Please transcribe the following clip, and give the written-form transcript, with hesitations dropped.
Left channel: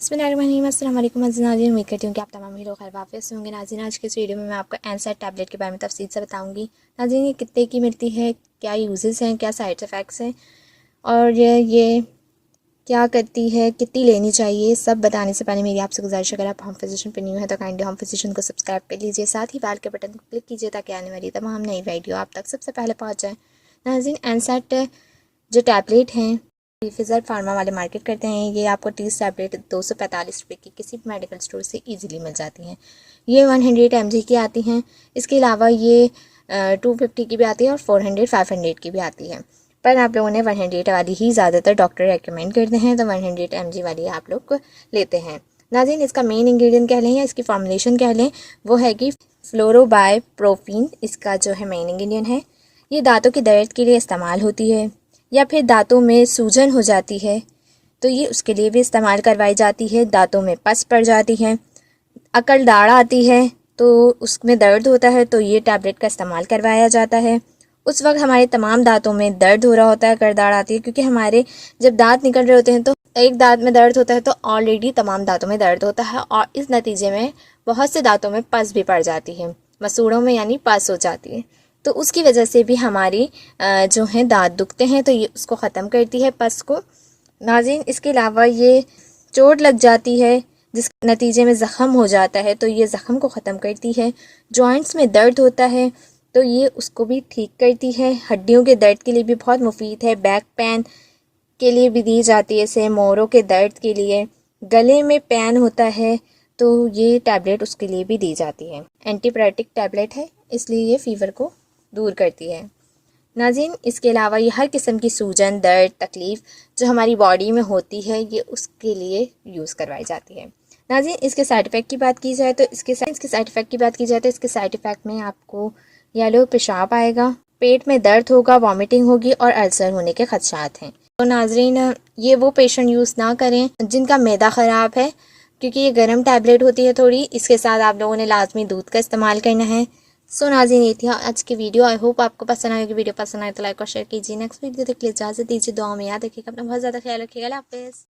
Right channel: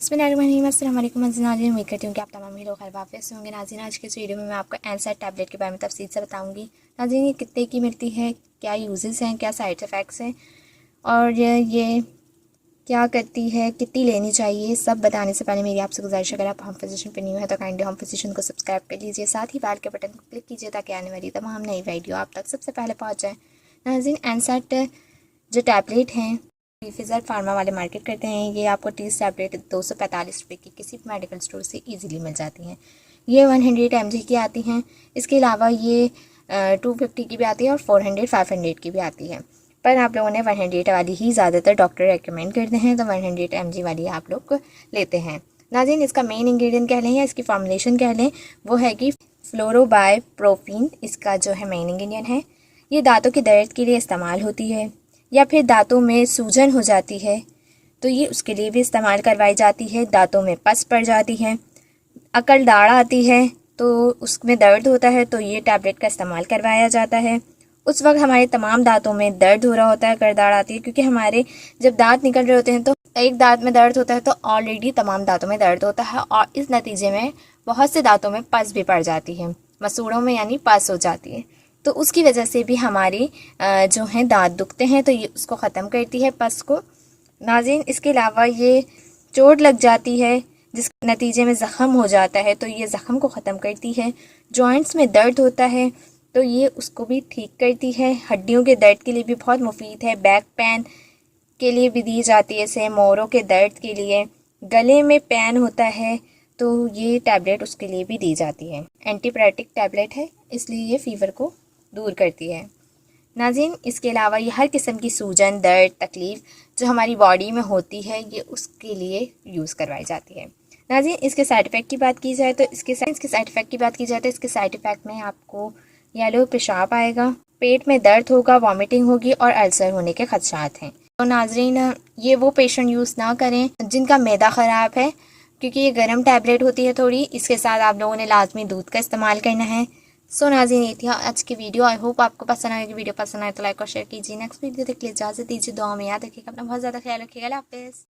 अस्सलाम वालेकुम नाज़रीन, उम्मीद करती हूँ कि आप तमाम ही लोग खैरियत से होंगे। नाज़रीन, आज के इस वीडियो में मैं आपको एनसैड टैबलेट के बारे में तफसील से बताऊँगी। नाज़रीन, ये कितने की मिलती है, क्या यूजेस हैं, क्या साइड इफ़ेक्ट्स हैं और ये क्या करती है, कितनी लेनी चाहिए, सब बताने से पहले मेरी आपसे गुजारिश, अगर आप होम फिजिशियन पर न्यू है तो काइंडली होम फिजिशियन को सब्सक्राइब कर लीजिए, साथ ही बाल के बटन को क्लिक कीजिए ताकि आने वाली तमाम नई वीडियो आप तक सबसे पहले पहुँच जाए। नाज़रीन, एनसैड जो टैबलेट हैं फिज़र फार्मा वाले मार्केट करते हैं। ये आपको 30 टैबलेट 245 रुपये की किसी भी मेडिकल स्टोर से इजीली मिल जाती हैं। ये 100 mg की आती हैं। इसके अलावा ये 250 की भी आती है और 400 500 की भी आती है, पर आप लोगों ने 100 वाली ही ज़्यादातर डॉक्टर रेकमेंड करते हैं, तो 100 mg वाली आप लोग लेते हैं। नाज़रीन, इसका मेन इंग्रेडिएंट कह लें या इसकी फॉर्मुलेशन कह लें, वो है कि फ्लोरोबाइप्रोफीन इसका जो है मेन इंग्रेडिएंट है। ये दांतों के दर्द के लिए इस्तेमाल होती है, या फिर दांतों में सूजन हो जाती है तो ये उसके लिए भी इस्तेमाल करवाई जाती है। दांतों में पस पड़ जाती है, अकल दाढ़ आती है तो उसमें दर्द होता है तो ये टैबलेट का इस्तेमाल करवाया जाता है। उस वक्त हमारे तमाम दांतों में दर्द हो रहा होता है, करदाड़ आती है, क्योंकि हमारे जब दांत निकल रहे होते हैं तो एक दांत में दर्द होता है तो ऑलरेडी तमाम दांतों में दर्द होता है और इस नतीजे में बहुत से दांतों में पस भी पड़ जाती है, मसूड़ों में यानी पस हो जाती है, तो उसकी वजह से भी हमारी जो है दांत दुखते हैं, तो ये उसको ख़त्म करती है पस को। नाज़रीन, इसके अलावा ये चोट लग जाती है जिस नतीजे में ज़ख़म हो जाता है तो ये ज़ख़म को ख़त्म करती है। जॉइंट्स में दर्द होता है तो ये उसको भी ठीक करती है। हड्डियों के दर्द के लिए भी बहुत मुफीद है। बैक पेन के लिए भी दी जाती है, से मोरों के दर्द के लिए। गले में पेन होता है तो ये टैबलेट उसके लिए भी दी जाती है। एंटीबायोटिक टैबलेट है, इसलिए ये फ़ीवर को दूर करती है। नाज़रीन, इसके अलावा ये हर किस्म की सूजन, दर्द, तकलीफ़ जो हमारी बॉडी में होती है ये उसके लिए यूज़ करवाई जाती है। नाज़रीन, इसके साइड इफ़ेक्ट की बात की जाए तो इसके साइड इफ़ेक्ट की बात की जाए तो इसके साइड इफ़ेक्ट में आपको येलो पेशाब आएगा, पेट में दर्द होगा, वॉमिटिंग होगी और अल्सर होने के खदशात हैं। तो नाज़रीन, ये वो पेशेंट यूज़ ना करें जिनका मैदा ख़राब है, क्योंकि ये गर्म टैबलेट होती है थोड़ी। इसके साथ आप लोगों ने लाजमी दूध का इस्तेमाल करना है। सो नाज़रीन, ये थी आज की वीडियो। आई होप आपको पसंद आएगी। वीडियो पसंद आए तो लाइक और शेयर कीजिए। नेक्स्ट वीडियो देख लीजिए, इजाज़त दीजिए, दुआ में याद रखिएगा, अपना बहुत ज़्यादा ख्याल रखिएगा। अल्लाह हाफ़िज़।